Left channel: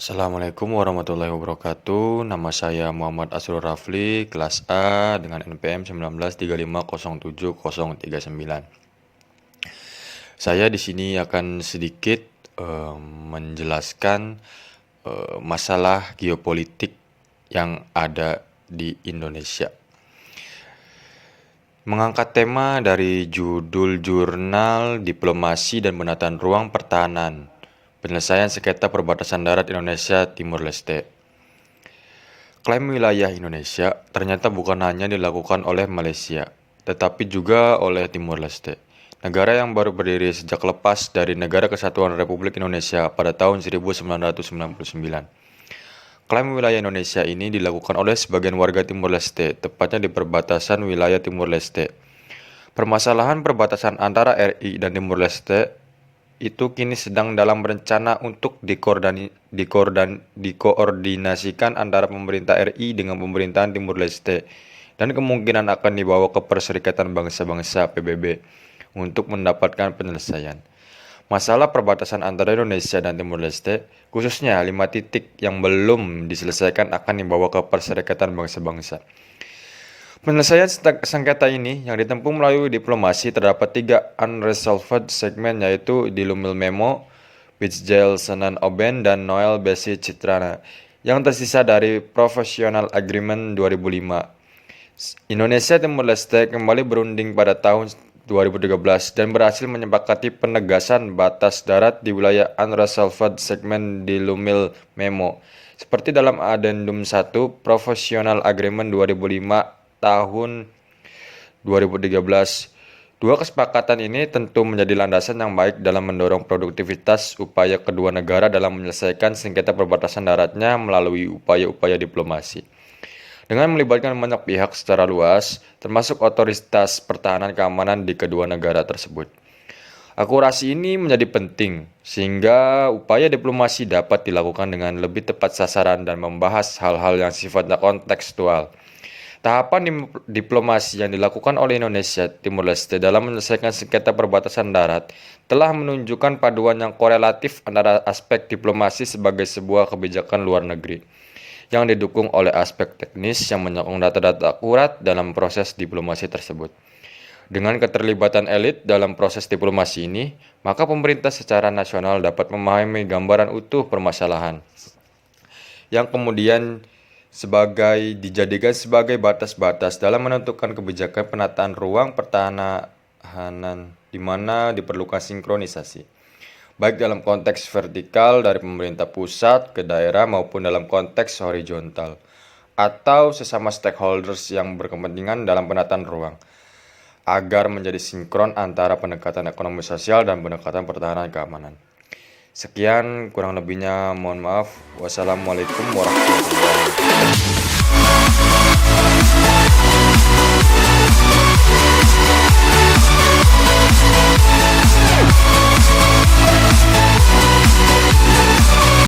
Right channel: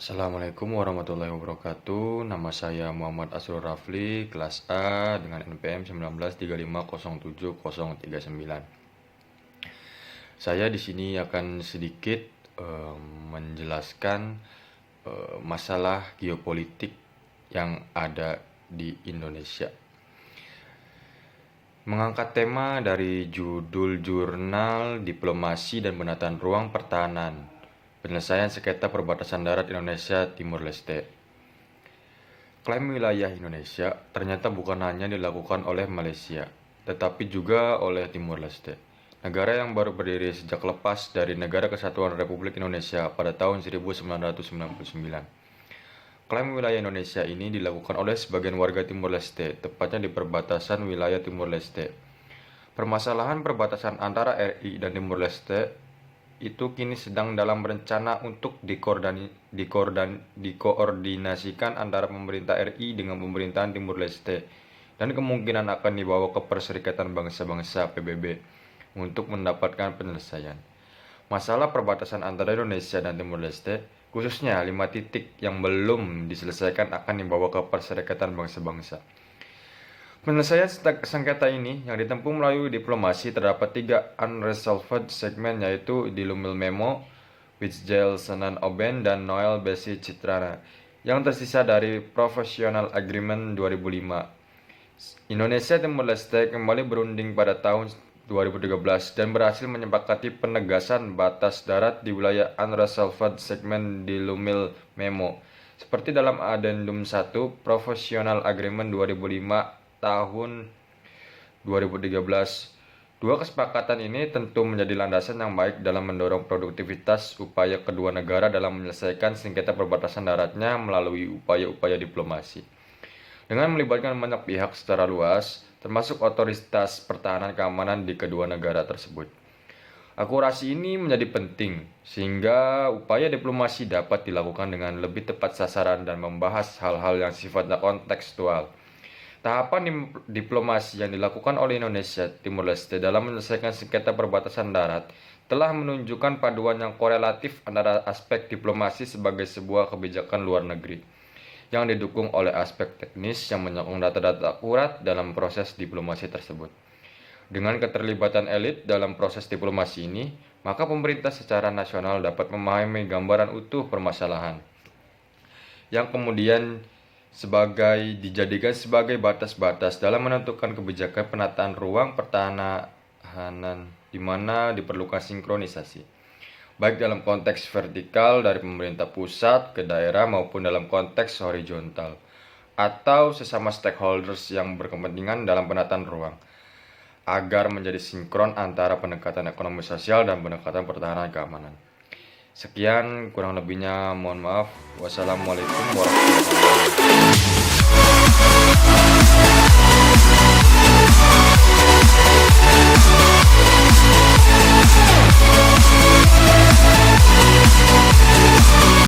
Assalamualaikum warahmatullahi wabarakatuh. Nama saya Muhammad Asrul Rafli, kelas A dengan NPM 1935070039. Saya di sini akan sedikit menjelaskan masalah geopolitik yang ada di Indonesia. Mengangkat tema dari judul jurnal Diplomasi dan Penataan Ruang Pertahanan, Penyelesaian Sengketa Perbatasan Darat Indonesia Timur Leste. Klaim wilayah Indonesia ternyata bukan hanya dilakukan oleh Malaysia, tetapi juga oleh Timur Leste, negara yang baru berdiri sejak lepas dari Negara Kesatuan Republik Indonesia pada tahun 1999. Klaim wilayah Indonesia ini dilakukan oleh sebagian warga Timur Leste, tepatnya di perbatasan wilayah Timur Leste. Permasalahan perbatasan antara RI dan Timur Leste itu kini sedang dalam rencana untuk dikoordinasikan antara pemerintah RI dengan pemerintahan Timur Leste dan kemungkinan akan dibawa ke Perserikatan Bangsa-Bangsa PBB untuk mendapatkan penyelesaian. Masalah perbatasan antara Indonesia dan Timur Leste, khususnya 5 titik yang belum diselesaikan akan dibawa ke Perserikatan Bangsa-Bangsa. Penyelesaian sengketa ini yang ditempuh melalui diplomasi terdapat 3 unresolved segmen, yaitu di Lumil Memo, Wijjael Senan Oben, dan Noel Besi Citrana, yang tersisa dari Professional Agreement 2005. Indonesia Timur Leste kembali berunding pada tahun 2013 dan berhasil menyepakati penegasan batas darat di wilayah unresolved segmen di Lumil Memo, seperti dalam Addendum 1 Professional Agreement 2005 tahun 2013. Dua kesepakatan ini tentu menjadi landasan yang baik dalam mendorong produktivitas upaya kedua negara dalam menyelesaikan sengketa perbatasan daratnya melalui upaya-upaya diplomasi. Dengan melibatkan banyak pihak secara luas, termasuk otoritas pertahanan keamanan di kedua negara tersebut. Akurasi ini menjadi penting, sehingga upaya diplomasi dapat dilakukan dengan lebih tepat sasaran dan membahas hal-hal yang sifatnya kontekstual. Tahapan diplomasi yang dilakukan oleh Indonesia Timur Leste dalam menyelesaikan sengketa perbatasan darat telah menunjukkan paduan yang korelatif antara aspek diplomasi sebagai sebuah kebijakan luar negeri yang didukung oleh aspek teknis yang menyokong data-data akurat dalam proses diplomasi tersebut. Dengan keterlibatan elit dalam proses diplomasi ini, maka pemerintah secara nasional dapat memahami gambaran utuh permasalahan yang kemudian dijadikan sebagai batas-batas dalam menentukan kebijakan penataan ruang pertahanan di mana diperlukan sinkronisasi, baik dalam konteks vertikal dari pemerintah pusat ke daerah maupun dalam konteks horizontal atau sesama stakeholders yang berkepentingan dalam penataan ruang, agar menjadi sinkron antara pendekatan ekonomi sosial dan pendekatan pertahanan keamanan. Sekian, kurang lebihnya mohon maaf. Wassalamualaikum warahmatullahi wabarakatuh.